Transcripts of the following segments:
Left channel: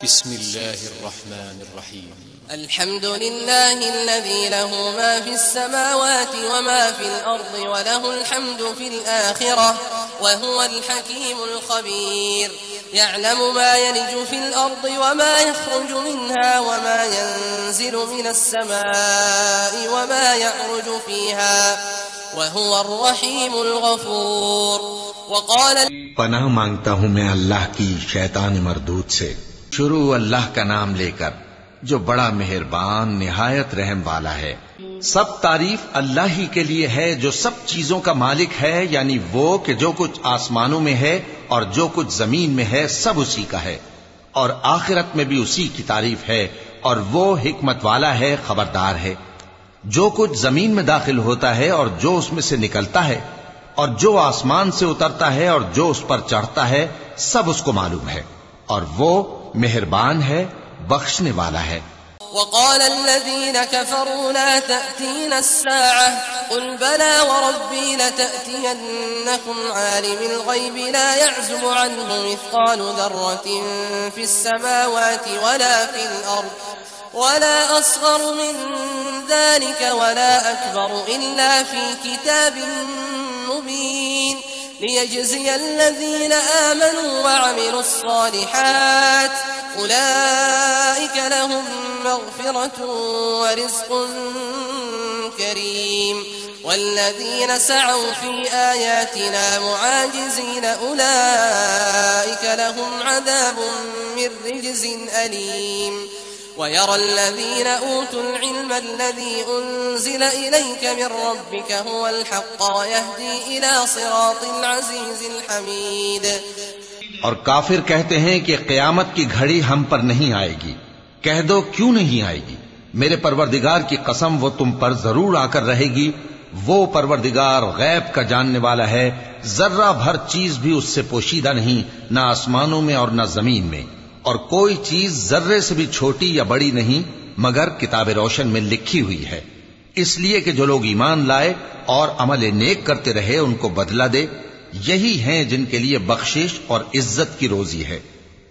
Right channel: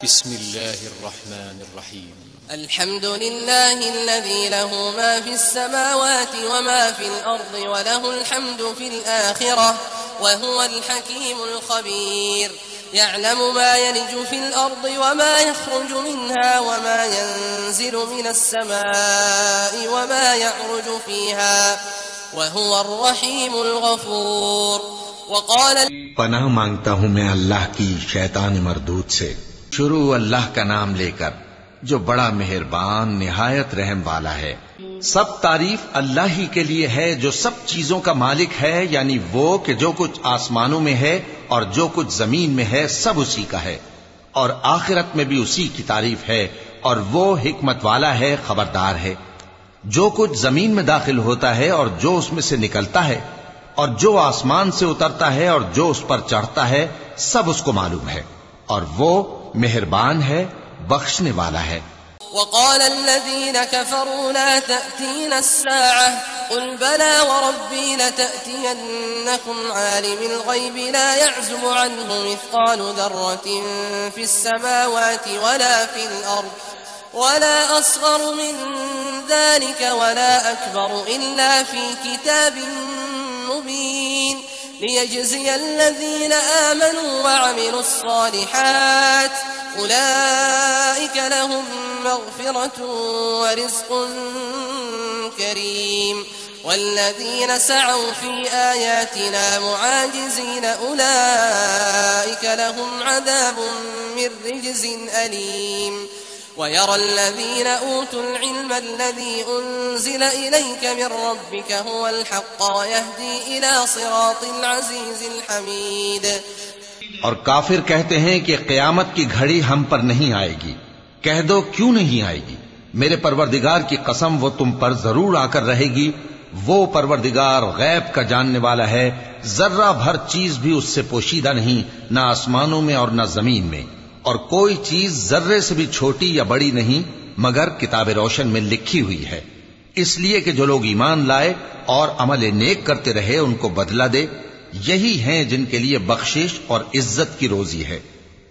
बिस्मिल्लाहिर्रहमानिर्रहीम। अल्हम्दुलिल्लाहिल्लज़ी लहू मा फिस्समावाति व मा फिल अर्ज़ि व लहुल हम्दु फिल आखिरह व हुवल हकीमुल खबीर। यअलमु मा यलिजु फिल अर्ज़ि व मा यख़रुजु मिन्हा व मा यंज़िलु मिनस समाइ व मा यअरुजु फ़ीहा व हुवर रहीमुल गफूर। पनाह मांगता हूँ मैं अल्लाह की शैतान मरदूद से। शुरू अल्लाह का नाम लेकर जो बड़ा मेहरबान निहायत रहम वाला है। सब तारीफ अल्लाह ही के लिए है जो सब चीजों का मालिक है, यानी वो कि जो कुछ आसमानों में है और जो कुछ जमीन में है सब उसी का है, और आखिरत में भी उसी की तारीफ है, और वो हिकमत वाला है, खबरदार है। जो कुछ जमीन में दाखिल होता है और जो उसमें से निकलता है, और जो आसमान से उतरता है और जो उस पर चढ़ता है, सब उसको मालूम है, और वो मेहरबान है, बख्शने वाला है। वक़ाल अल्लज़ीना कफ़रू ला तअतीना अस्साअह क़ुल बला व रब्बी लतअतियन्नकुम आलिमिल ग़ैबि ला यअज़ुबु अन्हु मिस्क़ालु ज़र्रतिन फ़िस्समावाति वला फ़िल अर्ज़ वला असग़रु मिन ज़ालिका वला अकबरु इल्ला फ़ी किताबिन मुबीन लियजज़िय अल्लज़ीना आमनू व अमिलुस्सालिहात उलाइका लहुम मग़फ़िरतुन व रिज़्क़ुन करीम वल्लज़ीना सअव फ़ी आयातिना मुआजिज़ीन उलाइका लहुम अज़ाबुन मिन रिज्ज़िन अलीम। ويرى الذين أوتوا العلم الذي أنزل إليك من ربك هو الحق ويهدي إلى صراط العزيز الحميد। और काफिर कहते हैं कि क़यामत की घड़ी हम पर नहीं आएगी। कह दो क्यों नहीं आएगी, मेरे परवरदिगार की कसम वो तुम पर जरूर आकर रहेगी। वो परवरदिगार गैब का जानने वाला है, जर्रा भर चीज भी उससे पोशीदा नहीं, न आसमानों में और न जमीन में, और कोई चीज जर्रे से भी छोटी या बड़ी नहीं मगर किताब रोशन में लिखी हुई है। इसलिए कि जो लोग ईमान लाए और अमल नेक करते रहे उनको बदला दे, यही हैं जिनके लिए बख्शिश और इज्जत की रोजी है।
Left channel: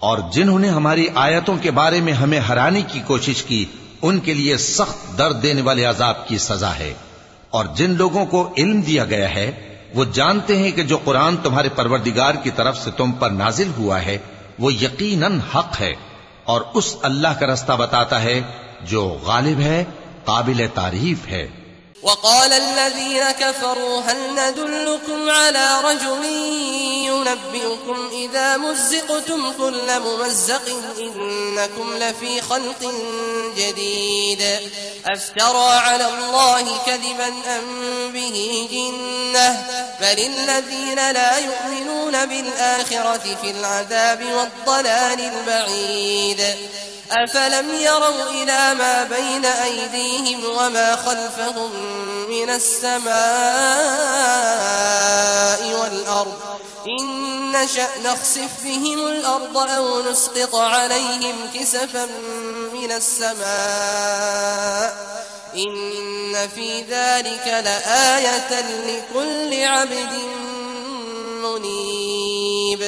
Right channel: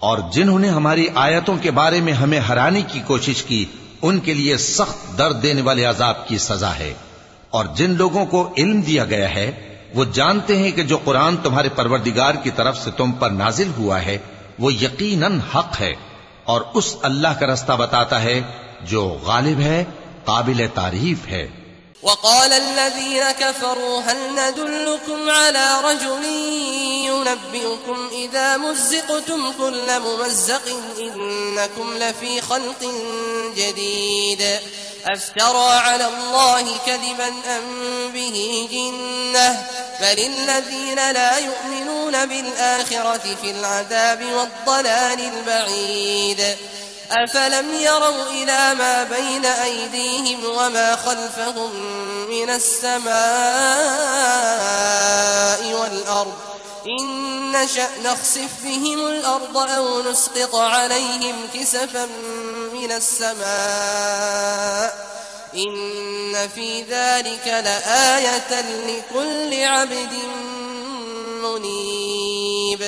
और जिन्होंने हमारी आयतों के बारे में हमें हराने की कोशिश की, उनके लिए सख्त दर्द देने वाले अजाब की सजा है। और जिन लोगों को इल्म दिया गया है वो जानते हैं कि जो कुरान तुम्हारे परवरदिगार की तरफ से तुम पर नाजिल हुआ है वो यकीनन हक है, और उस अल्लाह का रास्ता बताता है जो गालिब है, काबिल तारीफ है। वक़ाल अल्लज़ीना कफ़रू हल नदुल्लुकुम अला रजुलिन युनब्बिउकुम इज़ा मुज़्ज़िक़्तुम कुल्ल मुमज़्ज़क़िन इन्नकुम लफ़ी ख़ल्क़िन जदीद अफ़्तरा अला अल्लाहि कज़िबन अम बिही जिन्नह बलिल्लज़ीना ला युमिनून बिलआखिरति फ़िल अज़ाबि वद्दलालिल बईद। अफलम यरौ इला मा बैन अयदीहिम व मा खल्फहुम मिनस समाइ वल अर्ज़ इन नशअ नख़सिफ बिहिमुल अर्ज़ औ नुस्क़ित अलैहिम किसफन मिनस समाइ इन्न फ़ी ज़ालिका लआयतन लिकुल्लि अब्दिन मुनीब।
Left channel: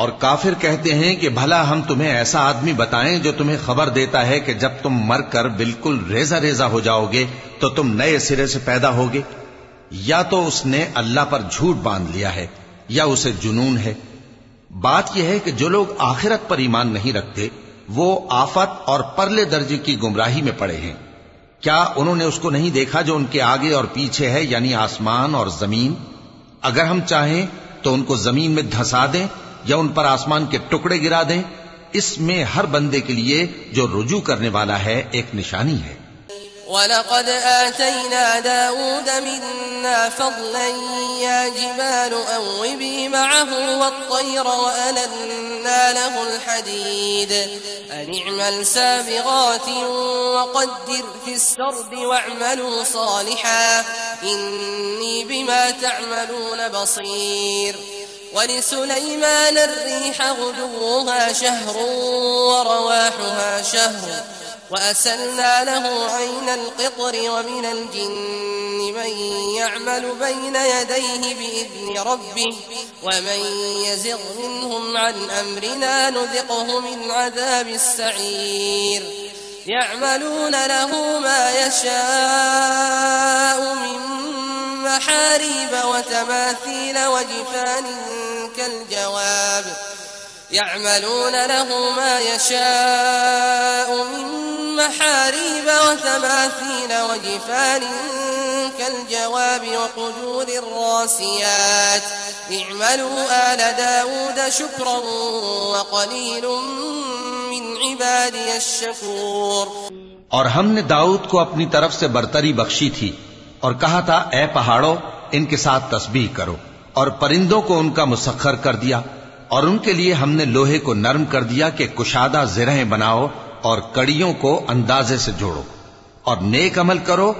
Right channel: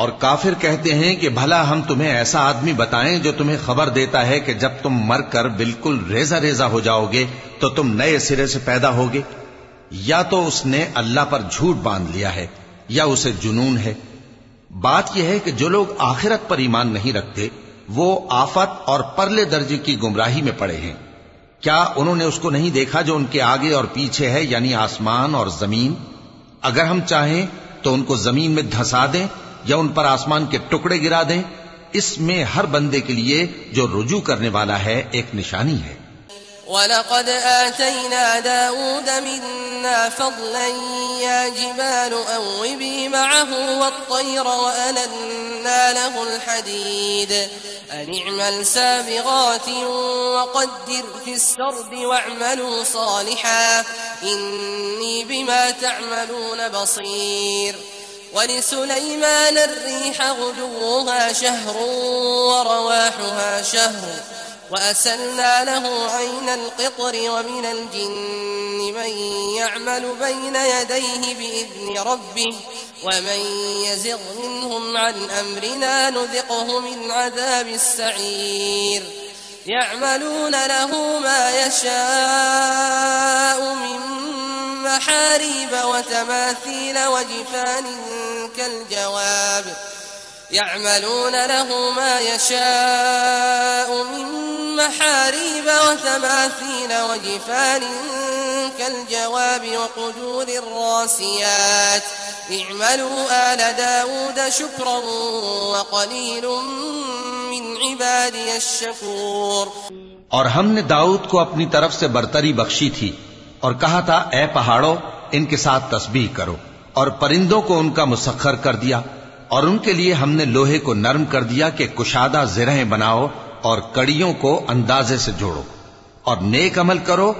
और काफिर कहते हैं कि भला हम तुम्हें ऐसा आदमी बताएं जो तुम्हें खबर देता है कि जब तुम मरकर बिल्कुल रेजा रेजा हो जाओगे तो तुम नए सिरे से पैदा होगे। या तो उसने अल्लाह पर झूठ बांध लिया है या उसे जुनून है। बात यह है कि जो लोग आखिरत पर ईमान नहीं रखते वो आफत और परले दर्जे की गुमराही में पड़े हैं। क्या उन्होंने उसको नहीं देखा जो उनके आगे और पीछे है, यानी आसमान और जमीन? अगर हम चाहें तो उनको जमीन में धंसा दें या उन पर आसमान के टुकड़े गिरा दें। इसमें हर बंदे के लिए जो रुजू करने वाला है एक निशानी है। वलक़द आतैना दाऊद मिन्ना फ़ज़लन या जिबालु अव्विबी मअहु वत्तय्र वअलन्ना लहुल हदीद अन इअमल साबिग़ातिन वक़द्दिर फ़िस्सर्द वअअमलू सालिहा इन्नी बिमा तअमलून बसीर। वलिसुलैमान अर्रीह गुदुव्वुहा शहरुन वरवाहुहा शहरुन वअसलना लहु ऐनल क़ित्र वमिनल जिन्न من يعمل بين يديه بإذن ربه ومن يزغ منهم عن أمرنا نذقه من عذاب السعير يعملون له ما يشاء من محاريب وتماثيل وجفان كالجواب وقدور الراسيات اعملوا آل داود شكرا وقليل من عبادي الشكور। और हमने दाऊद को अपनी तरफ से बरतरी बख्शी थी और कहा था, ए पहाड़ों, इनके साथ तस्बीह करो। और परिंदों को उनका मुसख्खर कर दिया और उनके लिए हमने लोहे को नरम कर दिया कि कुशादा ज़िरहें बनाओ और कड़ियों को अंदाजे से जोड़ो। और नेक अमल करो,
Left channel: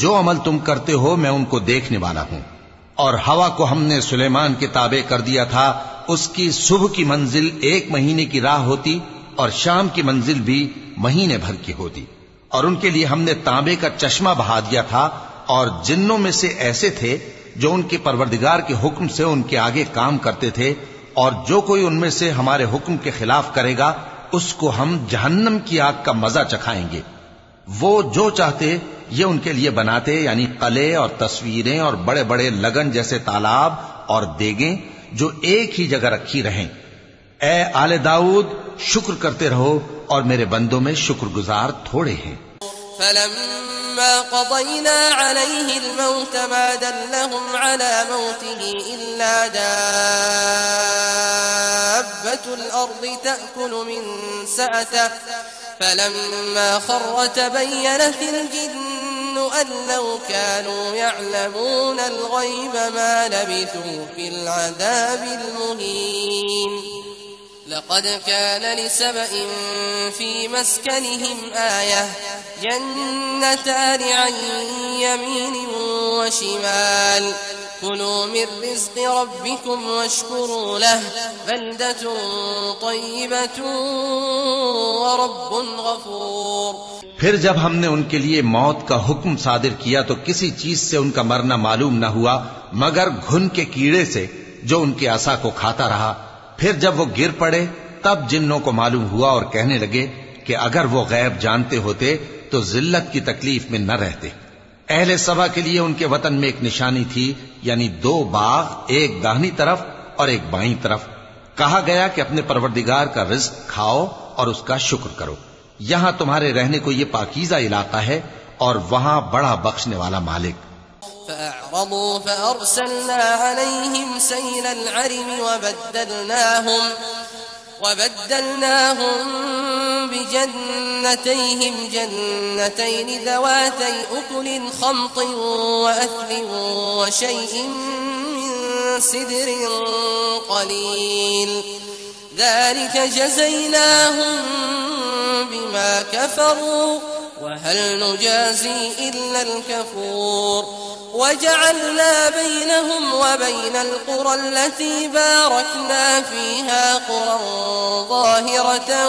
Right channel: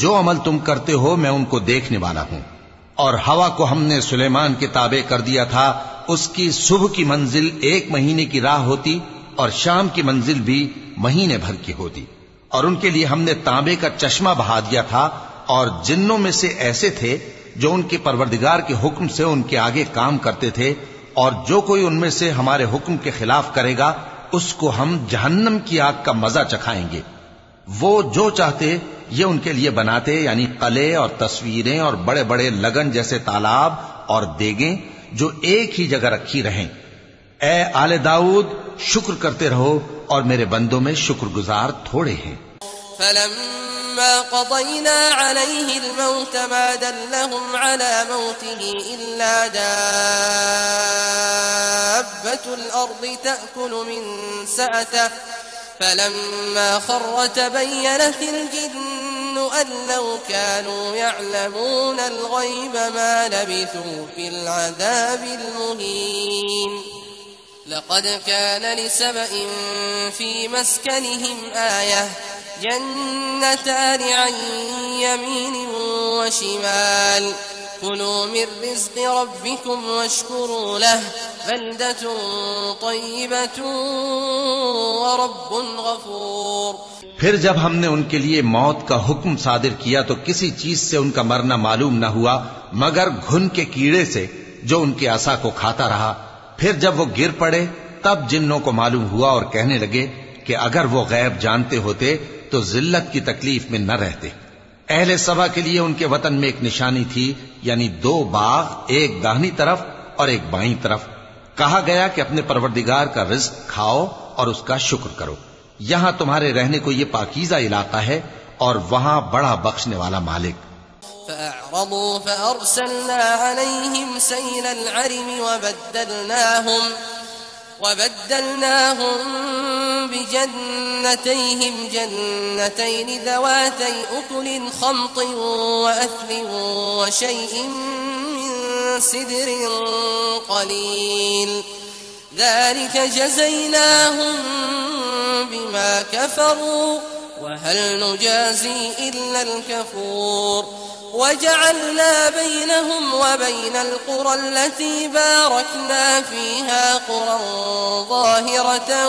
जो अमल तुम करते हो मैं उनको देखने वाला हूं। और हवा को हमने सुलेमान के ताबे कर दिया था, उसकी सुबह की मंजिल 1 महीने की राह होती और शाम की मंजिल भी महीने भर की होती। और उनके लिए हमने तांबे का चश्मा बहा दिया था। और जिन्नों में से ऐसे थे जो उनके परवरदिगार के हुक्म से उनके आगे काम करते थे, और जो कोई उनमें से हमारे हुक्म के खिलाफ करेगा उसको हम जहन्नम की आग का मजा चखाएंगे। वो जो चाहते ये उनके लिए बनाते, यानी कले और तस्वीरें और बड़े बड़े लगन जैसे तालाब और देगें जो एक ही जगह रखी रहें। ए आले दाऊद, शुक्र करते रहो और मेरे बंदों में शुक्रगुजार थोड़े हैं। فلما قضينا عليه الموت ما دلهم على موته إلا دابة الأرض تأكل من سأته فلما خر تبينت الجن أن لو كانوا يعلمون الغيب ما لبثوا في العذاب المهين لقد كان لسبإ في مسكنهم آية جنتان عن يمين وشمال كلوا من رزق ربكم واشكروا له بلدة طيبة ورب غفور। फिर जब हमने उनके लिए मौत का हुक्म सादिर किया तो किसी चीज से उनका मरना मालूम न हुआ मगर घुन के कीड़े से जो उनके आसा को खाता रहा। फिर जब वो गिर पड़े तब जिन्नों को मालूम हुआ और कहने लगे कि अगर वो गैब जानते होते तो जिल्लत की तकलीफ में न रहते। अहले सबा के लिए उनके वतन में एक निशानी थी, यानी 2 बाग, एक दाहिनी तरफ और एक बाईं तरफ। कहा गया कि अपने परवरदिगार का रिज्क खाओ और उसका शुक्र करो। यहां तुम्हारे रहने को ये पाकीज़ा इलाका है और वहां बड़ा बख्शने वाला मालिक। فأعرضوا فأرسلنا عليهم سيل العرم وبدلناهم بجنتيهم جنتين ذواتي أكل خمط وأثل وشيء من سدر قليل ذلك جزيناهم بما كفروا وهل نجازي إلا الكفور وجعلنا بينهم وبين القرى التي باركنا فيها قرى ظاهرة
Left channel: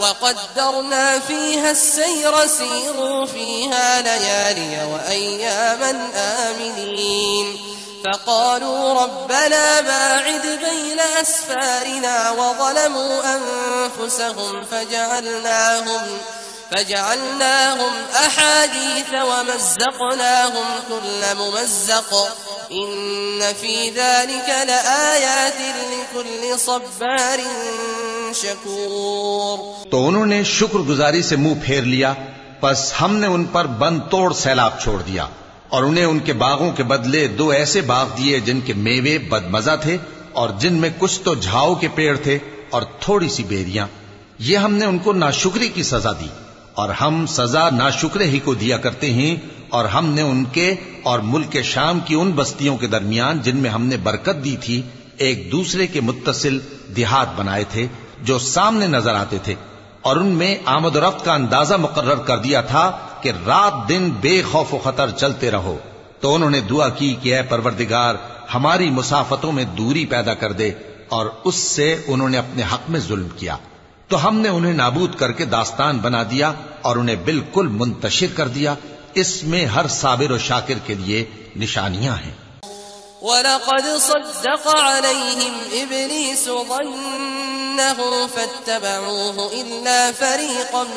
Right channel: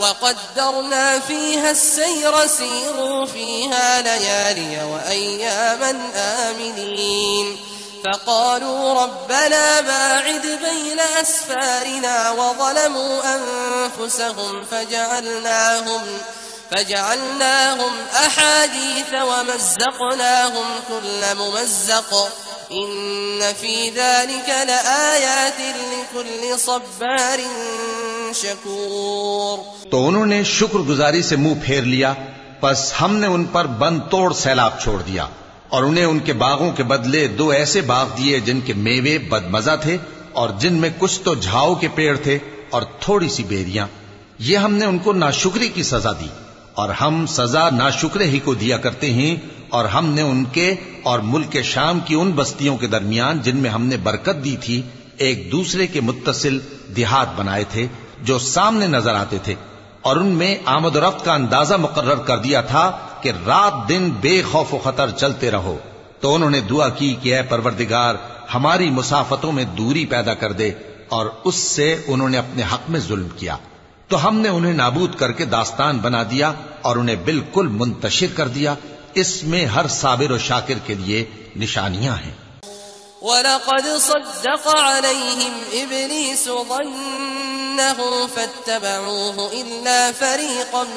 وقدرنا فيها السير سيروا فيها ليالي وأياما آمنين فقالوا ربنا باعد بين أسفارنا وظلموا أنفسهم فجعلناهم أحاديث ومزقناهم كل ممزق إن في ذلك لآيات لكل صبار शकूर। तो उन्होंने शुक्रगुजारी से मुंह फेर लिया, बस हमने उन पर बंद तोड़ सैलाब छोड़ दिया और उन्हें उनके बागों के बदले 2 ऐसे बाग दिए जिनके मेवे बदमजा थे और जिनमें कुछ तो झाओ के पेड़ थे और थोड़ी सी बेरियां। ये हमने उनको नाशुक्री की सजा दी और हम सजा नाशुक्रे ही को दिया करते हैं। और हमने उनके और मुल्क शाम की उन बस्तियों के दरमियान जिनमें हमने बरकत दी थी एक दूसरे के मुत्तसिल देहात बनाए थे जो सामने नजर आते थे और उनमें आमद रफ्त का अंदाजा मुकर्रर कर दिया था कि रात दिन बेखौफ खतर चलते रहो। तो उन्होंने दुआ की कि ऐ परवरदिगार हमारी मुसाफतों में दूरी पैदा कर दे और उससे उन्होंने अपने हक में जुल्म किया। तो हमने उन्हें नाबूद करके दास्तान बना दिया और उन्हें बिल्कुल मुंतशिर कर दिया। इसमें हर साबिर और शाकिर के लिए निशानियां हैं। वलक़द सद्दक़ अलैहिम इब्लीस ज़न्नहु फत्तबऊहु इल्ला फ़रीक़न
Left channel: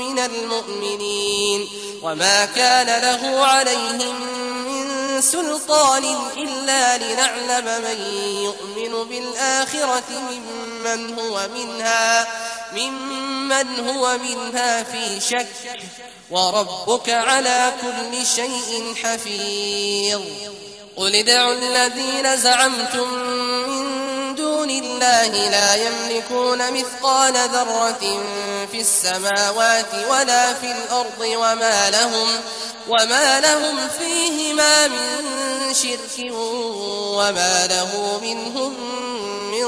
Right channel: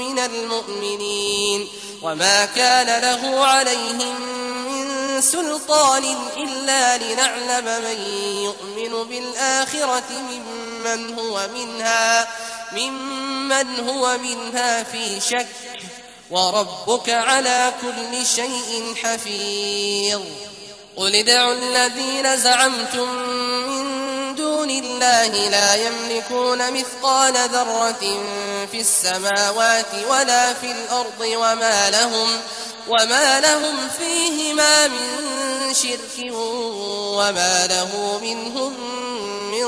मिनल मुअ्मिनीन वमा कान लहु अलैहिम मिन सुल्तान इल्ला लिनअलम मन यु'मिनु बिल आखिरति मिम्मन हुवा मिन्हा फ़ी शक्क वरब्बुक अला कुल्लि शैइन हफ़ीज़। क़ुल इद'उ الذين زعمتم من دون الله لا يملكون مثقال ذرة في السماوات ولا في الأرض وما لهم فيهما من شرك وما له منهم من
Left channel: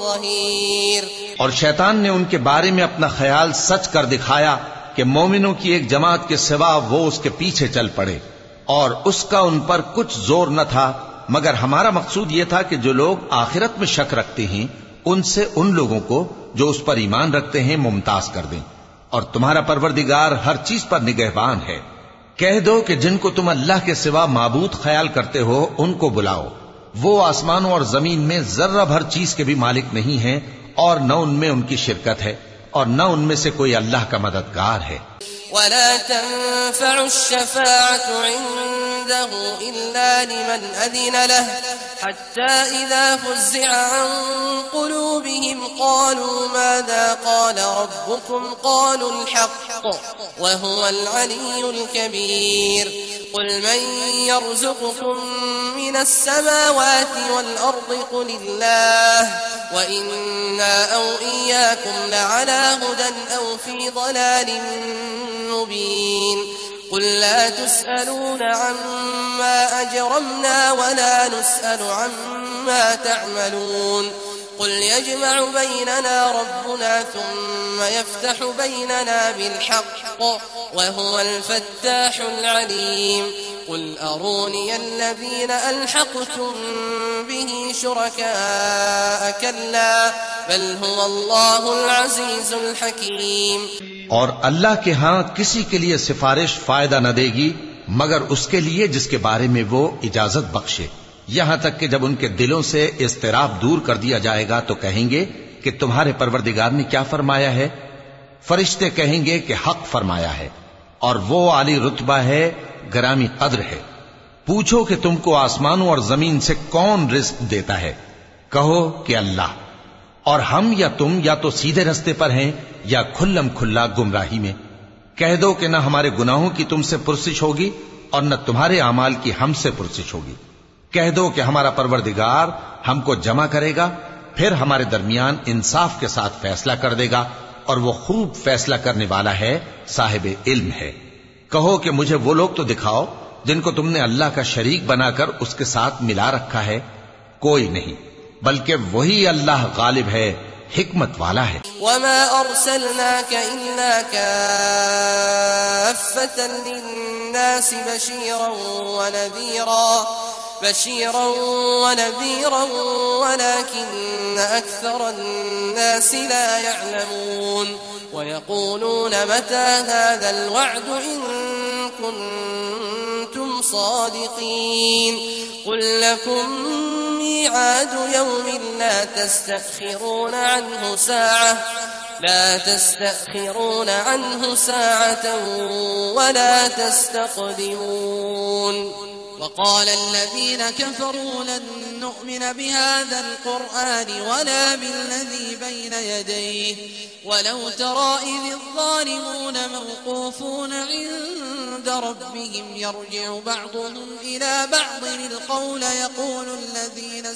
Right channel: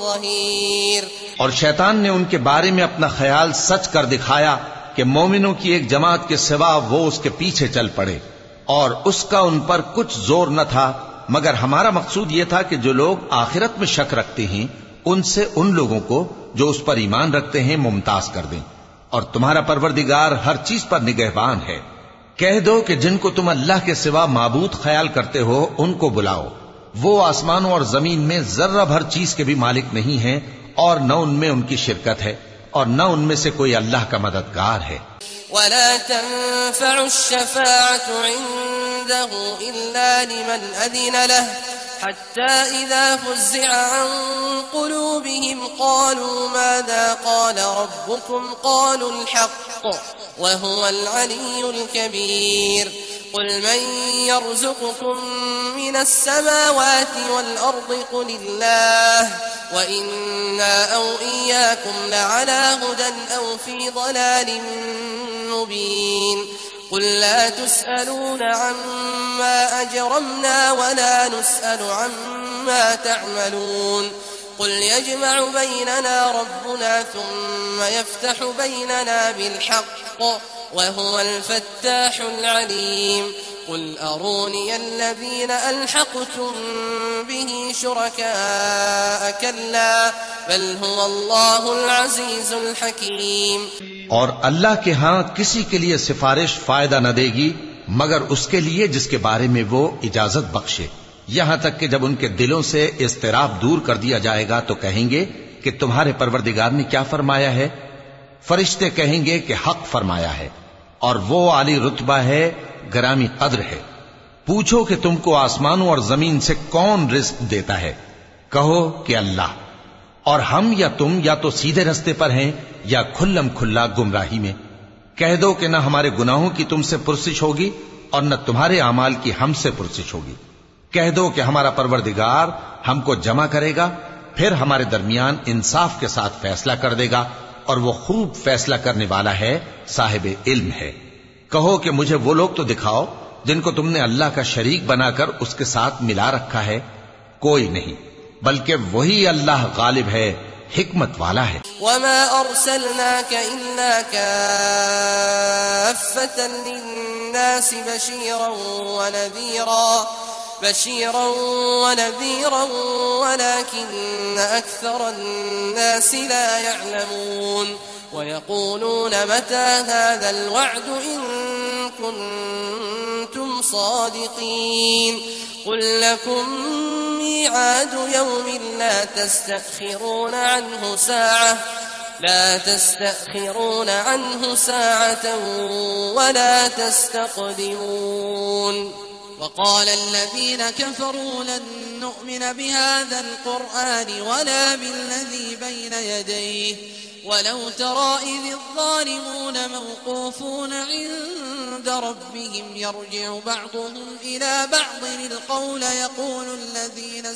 ظهير। और शैतान ने उनके बारे में अपना ख्याल सच कर दिखाया कि मोमिनों की एक जमात के सिवा वो उसके पीछे चल पड़े, और उसका उन पर कुछ जोर न था, मगर हमारा मकसूद ये था कि जो लोग आखिरत में शक रखते हैं उनसे उन लोगों को जो उस पर ईमान रखते हैं मुमताज कर दें। और तुम्हारा परवरदिगार हर चीज पर निगहबान है। कह दो कि जिनको तुम अल्लाह के सिवा माबूद ख्याल करते हो उनको बुलाओ। वो आसमानों और जमीन में जर्रा भर चीज के भी मालिक नहीं है, और न उनमें उनकी शिरकत है, और न उनमें से कोई अल्लाह का मददगार है। वला तंफ़अु श्शफ़ाअतु इंदहु इल्ला लिमन अज़िन लहु हत्ता इज़ा फ़ुज़्ज़िअ अन क़ुलूबिहिम क़ालू माज़ा क़ाल रब्बुकुम क़ालुल हक़्क़ व हुवल अलियुल कबीर। क़ुल मन यर्ज़ुक़ुकुम मिनस समावाति वल अर्दि क़ुलिल्लाह व इन्ना औ इय्याकुम लअला हुदन औ फ़ी ضलालिन मुबीन। क़ुल ला तुस्अलून अम्मा अजरमना वला नुस्अलु अम्मा तअमलून। क़ुल यजमअु बैनना रब्बुना थुम्मा यफ्तहु बैनना बिल्हक़्क़ व हुवल फ़त्ताहुल अलीम। क़ुल अरूनिय अल्लज़ीना अल्हक़्तुम बिही शुरकाअ कल्ला बल हुवल्लाहुल अज़ीज़ुल हकीम। और अल्लाह के हां किसी के लिए सिफारिश फायदा न देगी मगर उसके लिए जिसके बारे में वो इजाजत बख्शे, यहां तक कि जब उनके दिलों से इज़्तिराब दूर कर दिया जाएगा तो कहेंगे कि तुम्हारे परवरदिगार ने क्या फरमाया है। फरिश्ते कहेंगे कि हक फरमाया है, और वो आली रुतबा है, गरामी कद्र है। पूछो कि तुमको आसमानों और जमीन से कौन रिज़्क देता है, कहो कि अल्लाह, और हम या तुम या तो सीधे रास्ते पर हैं या खुल्लम खुल्ला गुमराही में। कह दो कि न हमारे गुनाहों की तुमसे पुरसिश होगी और न तुम्हारे अमाल की हमसे पुरसिश होगी। कह दो कि हमारा परवरदिगार हमको जमा करेगा, फिर हमारे दरमियान इंसाफ के साथ फैसला कर देगा, और वो खूब फैसला करने वाला है, साहिब इल्म है। कहो कि मुझे वो लोग तो दिखाओ जिनको तुमने अल्लाह का शरीक बनाकर उसके साथ मिला रखा है। कोई नहीं, बल्कि वही अल्लाह गालिब है, हिकमत वाला है। वमा अर्सलनाक इल्ला काफ़्फ़तन लिन्नासि बशीरन व नज़ीरन वलाकिन्न अक्सरन्नासि ला यअलमून। वयक़ूलून मता हाज़ल वअद इन कुन्तुम सादिक़ीन। क़ुल लकुम मिआद यौमिन ला तस्तअखिरून अन्हु साअतन वला तस्तक़दिमून। وقال الذين كفروا لن نؤمن بهذا القرآن ولا بالذي بين يديه ولو ترى إذ الظالمون موقوفون عند ربهم يرجع بعضهم إلى بعض القول يقول الذين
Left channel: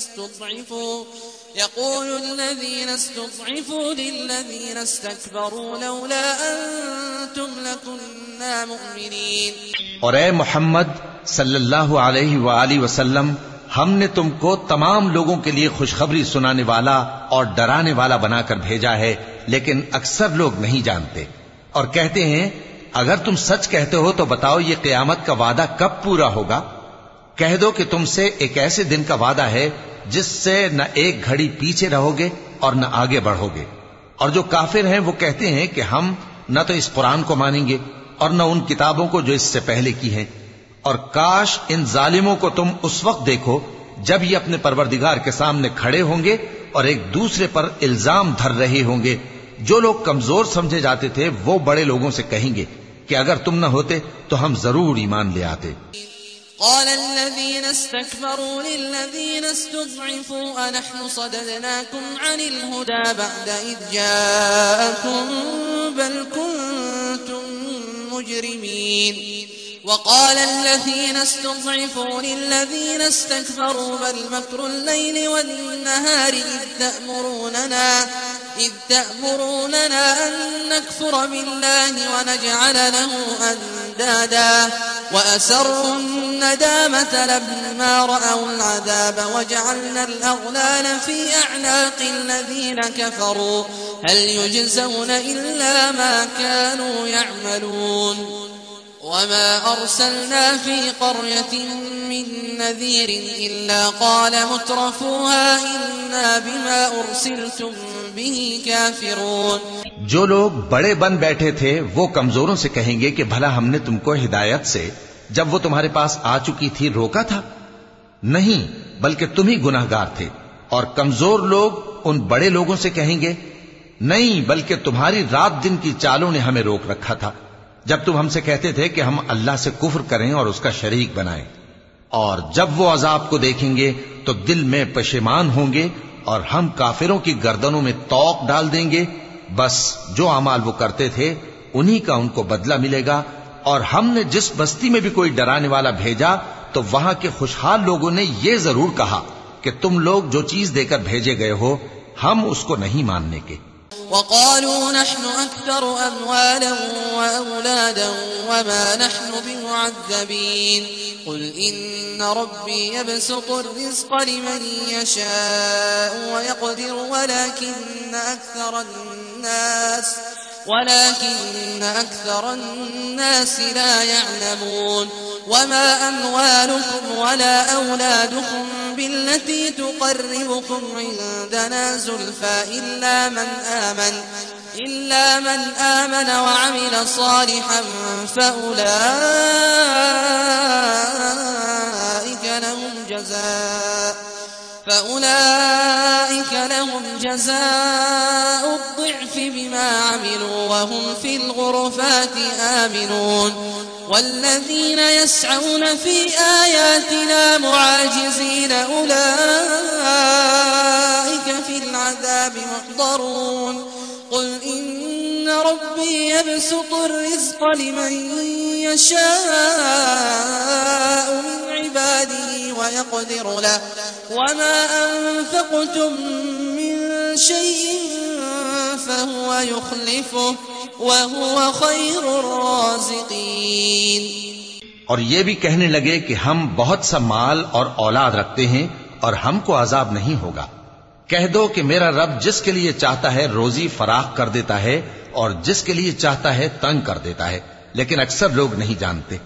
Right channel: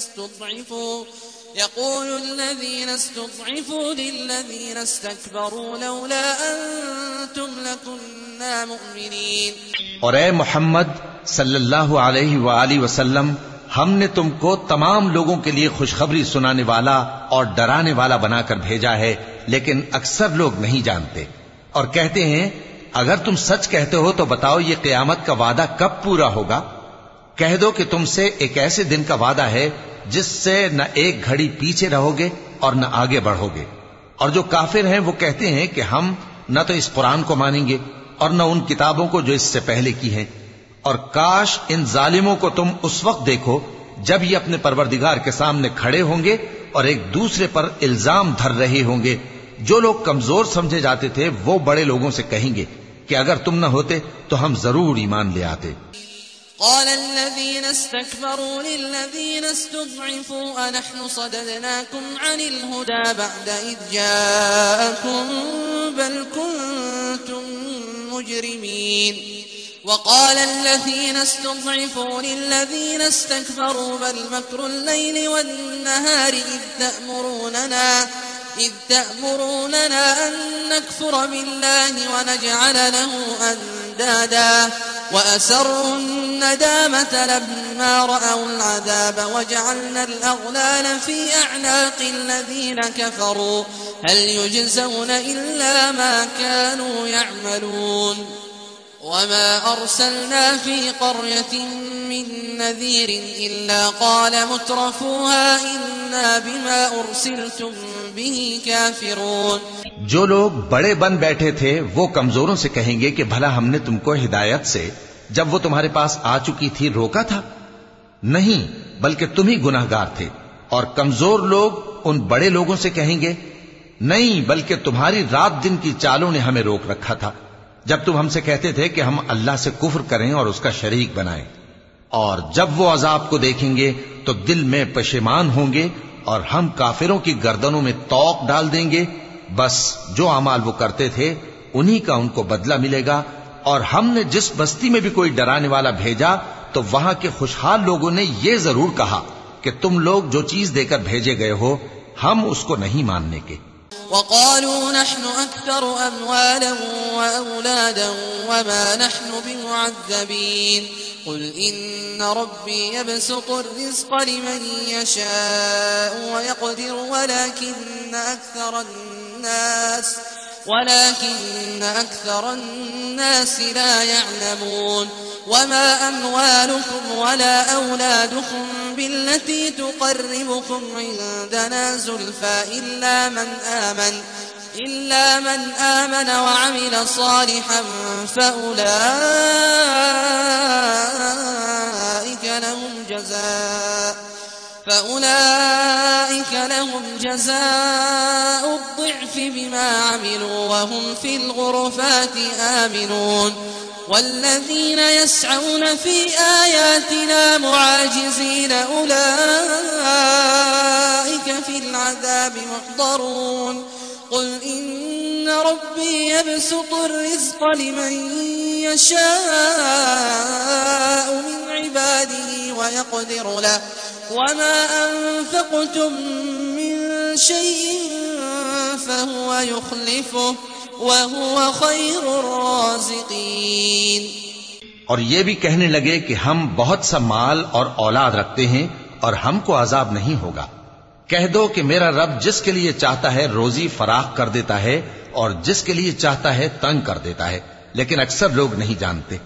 استضعفوا للذين استكبروا لولا أنتم لكنا مؤمنين। और ए मोहम्मद सल्लल्लाहु अलैहि वालैहि वसल्लम, हमने तुमको तमाम लोगों के लिए खुशखबरी सुनाने वाला और डराने वाला बनाकर भेजा है, लेकिन अक्सर लोग नहीं जानते। और कहते हैं अगर तुम सच कहते हो तो बताओ ये क़यामत का वादा कब पूरा होगा। कह दो कि तुमसे एक ऐसे दिन का वादा है जिससे न एक घड़ी पीछे रहोगे और न आगे बढ़ोगे। और जो काफिर हैं वो कहते हैं कि हम न तो इस कुरान को मानेंगे और न उन किताबों को जो इससे पहले की हैं। और काश इन जालिमों को तुम उस वक्त देखो जब ये अपने परवरदिगार के सामने खड़े होंगे और एक दूसरे पर इल्जाम धर रहे होंगे। जो लोग कमजोर समझे जाते थे वो बड़े लोगों से कहेंगे कि अगर तुम न होते तो हम जरूर ईमान ले आते। قال الذين استكبروا للذين استضعفوا أنحن صددناكم عن الهدى بعد إذ جاءكم بل كنتم مجرمين وقال الذين استضعفوا للذين استكبروا بل مكر الليل والنهار إذ تأمروننا أن نكفر بالله ونجعل له أندادا وأسروا الندامة لما رأوا العذاب وجعلنا الأغلال في أعناق الذين كفروا هل يجزون إلا ما كانوا يعملون وما أرسلنا في قرية من نذير إلا قال مترفوها إنا بما أرسلتم به كافرون। जो लोग बड़े बन बैठे थे वो कमजोरों से कहेंगे कि भला हमने तुमको हिदायत से जब वो तुम्हारे पास आ चुकी थी रोका था? नहीं, बल्कि तुम ही गुनाहगार थे। और कमजोर लोग उन बड़े लोगों से कहेंगे नहीं, बल्कि तुम्हारी रात दिन की चालों ने हमें रोक रखा था जब तुम हमसे कहते थे कि हम अल्लाह से कुफ्र करें और उसका शरीक बनाएं। और जब वो अजाब को देखेंगे तो दिल में पशेमान होंगे और हम काफिरों की गर्दनों में तौक डाल देंगे। बस जो अमाल वो करते थे उन्हीं का उनको बदला मिलेगा। और हमने जिस बस्ती में भी कोई डराने वाला भेजा तो वहां के खुशहाल लोगों ने ये जरूर कहा कि तुम लोग जो चीज देकर भेजे गए हो हम उसको नहीं मानने के। وقالوا نحن أكثر أموالا وأولادا وما نحن بمعذبين قل إن ربي يبسط الرزق لمن يشاء ويقدر ولكن أكثر الناس لا يعلمون وما أموالكم ولا أولادكم بالتي تقربكم عندنا زلفى إلا من آمن وعمل صالحا فأولئك لهم جزاء الضعف بما عملوا وهم في الغرفات آمنون والذين يسعون في آياتنا معاجزين أولئك في العذاب محضرون قل إن ربي يبسط الرزق لمن يشاء من عباده ويقدر له وما أنفقتم من شيء فهو يخلفه وهو خير الرازقين। और ये भी कहने लगे कि हम बहुत सा माल और औलाद रखते हैं और हमको अजाब नहीं होगा। कह दो कि मेरा रब जिसके लिए चाहता है रोजी फराख कर देता है और जिसके लिए चाहता है तंग कर देता है, लेकिन अक्सर लोग नहीं जानते।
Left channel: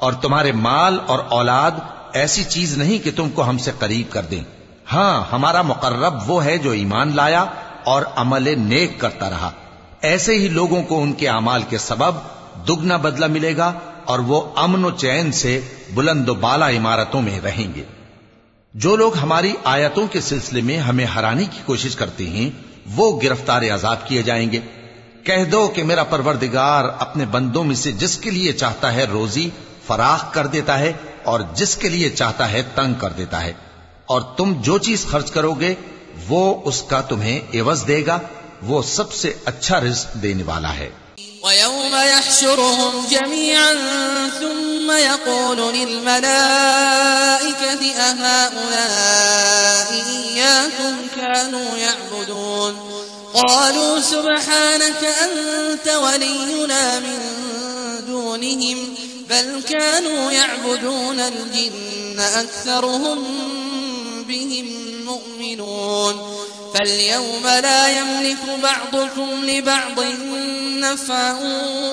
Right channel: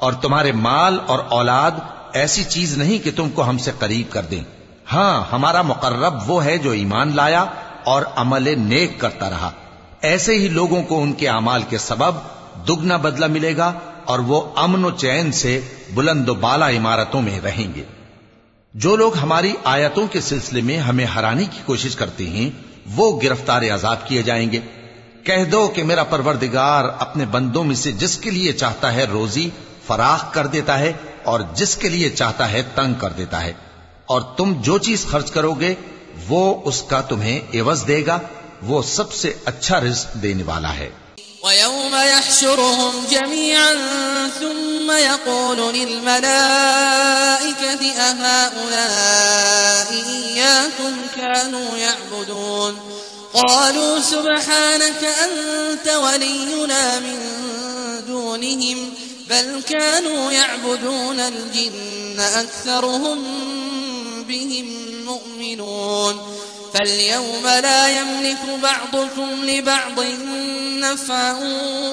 और तुम्हारे माल और औलाद ऐसी चीज नहीं कि तुमको हमसे करीब कर दें। हाँ, हमारा मुकर्रब वो है जो ईमान लाया और अमल नेक करता रहा। ऐसे ही लोगों को उनके अमाल के सबब दुगना बदला मिलेगा और वो अमन और चैन से बुलंद बाला इमारतों में रहेंगे। जो लोग हमारी आयतों के सिलसिले में हमें हराने की कोशिश करते हैं वो गिरफ्तार अजाब किए जाएंगे। कह दो कि मेरा परवरदिगार अपने बंदों में से जिसके लिए चाहता है रोजी फराख कर देता है और जिसके लिए चाहता है तंग कर देता है, और तुम जो चीज खर्च करोगे वो उसका तुम्हें एवज देगा। वो सबसे अच्छा रिज़्क़ देने वाला है। وَيَوْمَ يَحْشُرُهُمْ جَمِيعًا ثُمَّ يَقُولُ لِلْمَلَائِكَةِ أَهَؤُلَاءِ إِيَّاكُمْ كَانُوا يَعْبُدُونَ قَالُوا سُبْحَانَكَ أَنْتَ وَلِيُّنَا مِنْ دُونِهِمْ بَلْ كَانُوا يَعْبُدُونَ الْجِنَّ أَكْثَرُهُمْ بِهِمْ مُؤْمِنُونَ فاليوم لا يملك بعضكم لبعض نفعا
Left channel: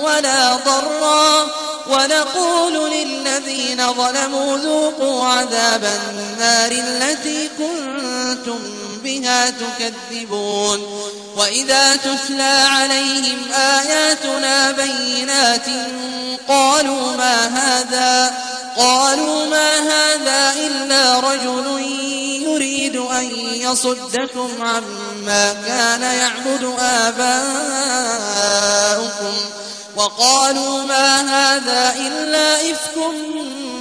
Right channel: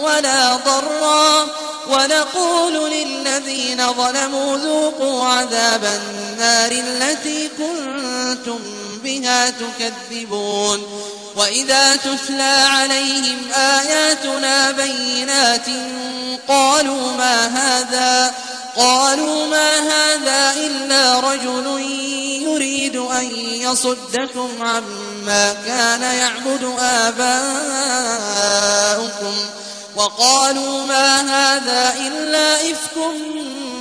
ولا ضرا ونقول للذين ظلموا ذوقوا عذاب النار التي كنتم بها تكذبون وإذا تتلى عليهم آياتنا بينات قالوا ما هذا إلا رجل يريد أن يصدكم عما كان يعبد آباؤكم وقالوا ما هذا إلا إفك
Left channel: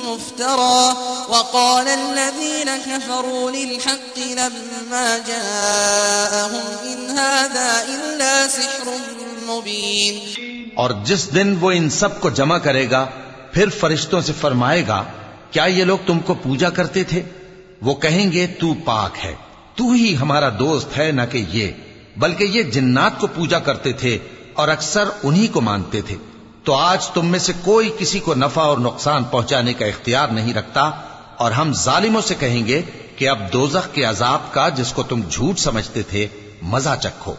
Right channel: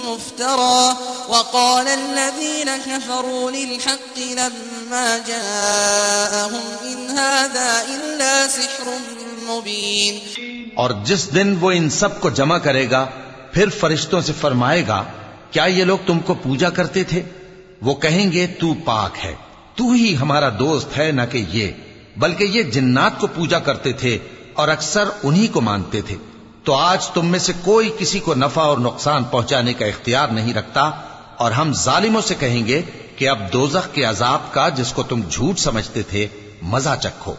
مفترى وقال الذين كفروا للحق لما جاءهم إن هذا إلا سحر مبين। और जिस दिन वो इन सब को जमा करेगा फिर फरिश्तों से फरमाएगा, क्या ये लोग तुमको पूजा करते थे? वो कहेंगे तू पाक है, तू ही हमारा दोस्त है, न कि ये, बल्कि ये जिन्नात को पूजा करते थे और अक्सर उन्हीं को मानते थे। तो आज तुम में से कोई किसी को नफा और नुकसान पहुंचाने का इख्तियार नहीं रखता और हम जालिमों से कहेंगे कि अब दोज़ख के अजाब का जिसको तुम झूठ समझते थे मजा चखो।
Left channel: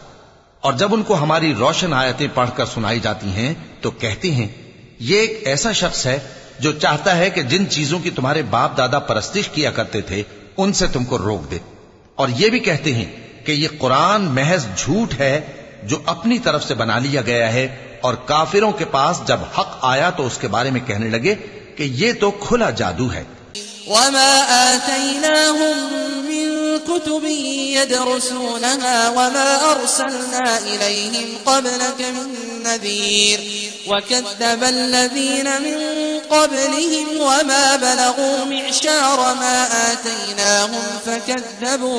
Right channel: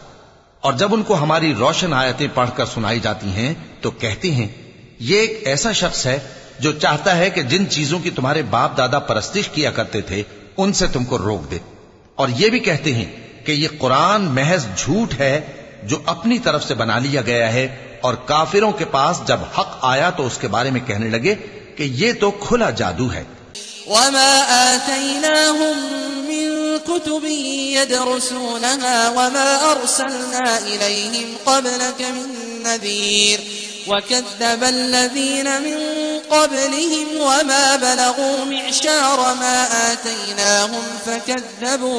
और जब उनको हमारी रोशन आयतें पढ़कर सुनाई जाती हैं तो कहते हैं ये एक ऐसा शख्स है जो चाहता है कि जिन चीजों की तुम्हारे बाप दादा परस्तिश किया करते थे उनसे तुमको रोक दे। और ये भी कहते हैं कि ये कुरान महज झूठ है जो अपनी तरफ से बना लिया गया है। और काफिरों के पास जब हक आया तो उसके बारे में कहने लगे कि ये तो खुला जादू है। वमा आतैनाहुम मिन कुतुबिन यदरुसूनहा वमा अर्सलना इलैहिम क़ब्लक मिन नज़ीर वकज़्ज़ब अल्लज़ीन मिन क़ब्लिहिम वमा बलगू मिअशार मा आतैनाहुम फकज़्ज़बू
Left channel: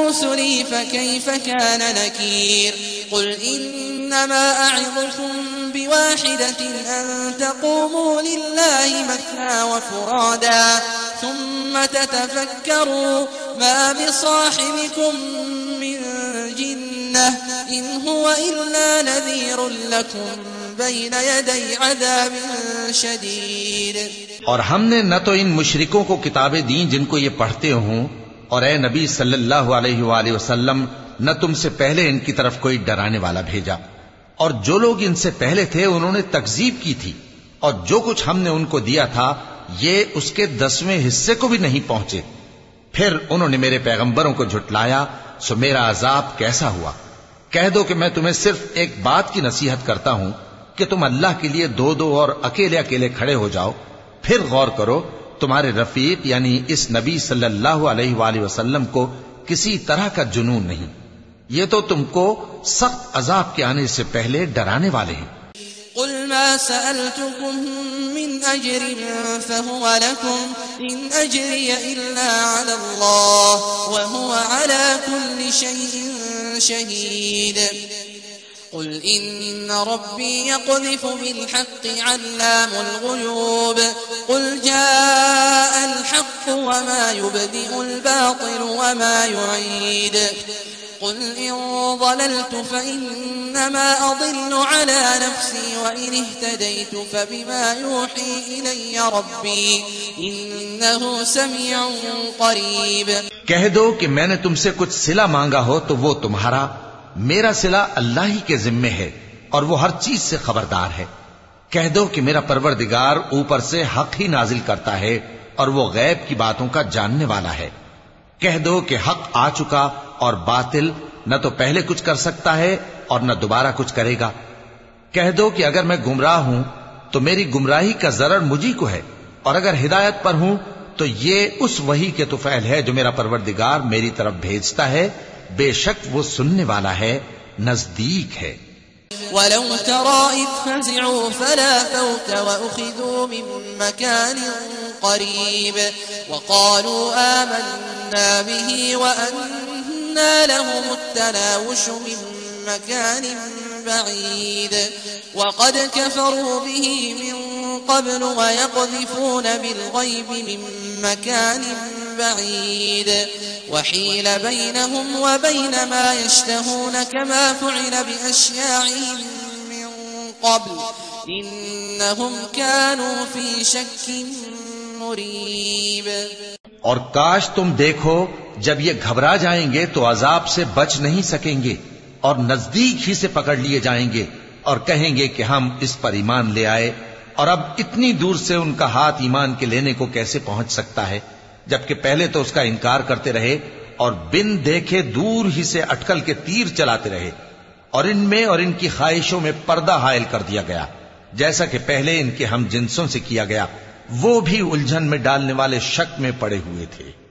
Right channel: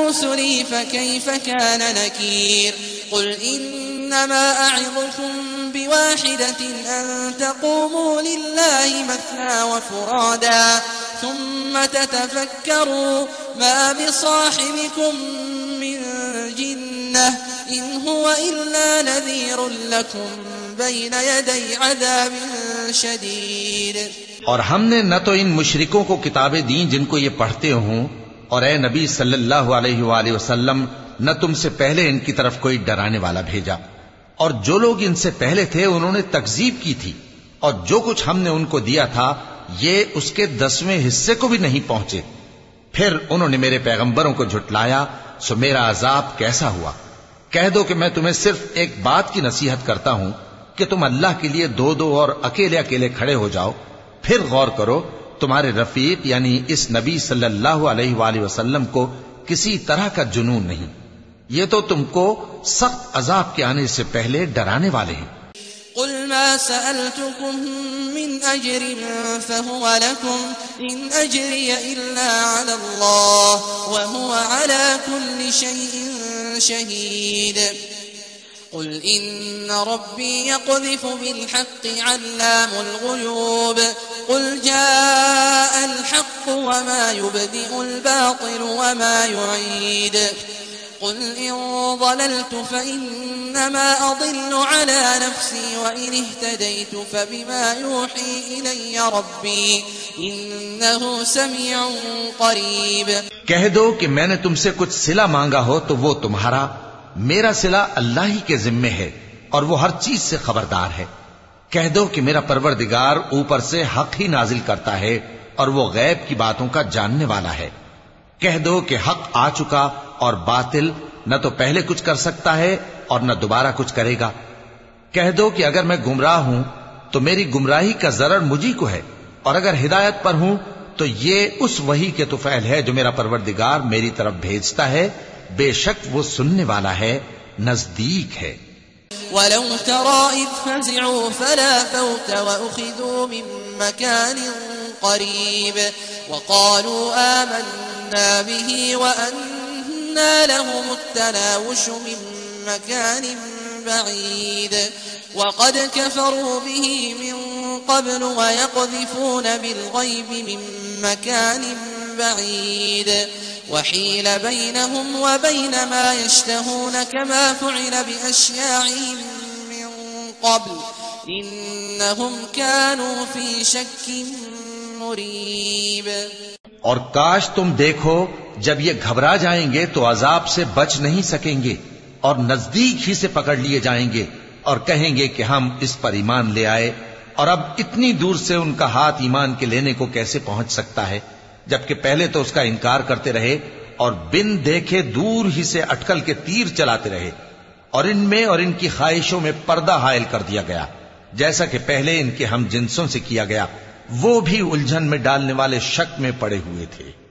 रुसुली फकैफ़ कान नकीर। قل إنما أعظكم بواحدة أن تقوموا لله مثنى وفرادا ثم تتفكروا ما بصاحبكم من جنة إن هو إلا نذير لكم بين يدي عذاب شديد। और हमने न तो इन मुशरिकों को किताबें दी जिनको ये पढ़ते हों, और ए नबी सल्लल्लाहु अलैहि वसल्लम न तुमसे पहले इनकी तरफ कोई डराने वाला भेजा, और जो लोग इनसे पहले थे उन्होंने तकजीब की थी, और जो कुछ हमने उनको दिया था ये उसके 10वें हिस्से को भी नहीं पहुंचे। फिर उन्होंने मेरे पैगंबरों को झुटलाया, सो मेरा अजाब कैसा हुआ। कह दो कि मैं तुम्हें सिर्फ एक बात की नसीहत करता हूं कि तुम अल्लाह के लिए दो दो और अकेले अकेले खड़े हो जाओ, फिर गौर करो तुम्हारे रफीक यानी इस नबी सल्लल्लाहु अलैहि वसल्लम को किसी तरह का जुनून नहीं, ये तो तुमको सख्त अजाब के आने से पहले डराने वाले हैं। कुल मा सअलतुकुम मिन अजरिन फहुव लकुम इन अजरिय इल्ला अला अल्लाह व हुवा अला कुल्लि शैइन शहीद। قل إن ربي يقذف بالحق علام الغيوب قل جاء الحق وما يبدئ الباطل وما يعيد قل إن ضللت فإنما أضل على نفسي وإن اهتديت فبما يوحي إلي ربي إنه سميع قريب। कह दो कि मैंने तुमसे कुछ सिला मांगा हो तो वो तुम्हारा, मेरा सिला अल्लाह ही के जिम्मे है और वो हर चीज से खबरदार है। कह दो कि मेरा परवरदिगार ऊपर से हक ही नाजिल करता है और वो गैब की बातों का जानने वाला है। कह दो कि हक आ चुका और बातिल न तो पहले कुछ कर सकता है और न दोबारा कुछ करेगा। कह दो कि अगर मैं गुमराह हूं तो मेरी गुमराही का जरर मुझी को है, और अगर हिदायत पर हूं तो ये उस वही के तुफैल है जो मेरा परवरदिगार मेरी तरफ भेजता है। बेशक वो सुनने वाला है, नजदीक है। वलौ तरा इज़ फज़िअू फला फौत वअख़िज़ू मिन मकान क़रीब वक़ालू आमन्ना बिही वअन्ना लहुमुत्तनावुशु मिन मकान बईद वक़द कफ़रू बिही मिन قبل ويقذفون بالغيب من مكان بعيد وحيل بينهم وبين ما يشتهون كما فعل بأشياعهم من قبل إنهم كانوا في شك مريب। और काश तुम देखो जब ये घबरा जाएंगे तो अजाब से बच नहीं सकेंगे और नजदीक ही से पकड़ लिए जाएंगे और कहेंगे कि हम इस पर ईमान ले आए, और अब इतनी दूर से उनका हाथ ईमान के लेने को कैसे पहुंच सकता है, जबकि पहले तो उसका इनकार करते रहे और बिन देखे दूर ही से अटकल के तीर चलाते रहे, और इनमें और इनकी ख्वाहिशों में पर्दा हायल कर दिया गया, जैसा कि पहले इनके हम जिनसों से किया गया। वो भी उलझन में डालने वाले शक में पड़े हुए थे।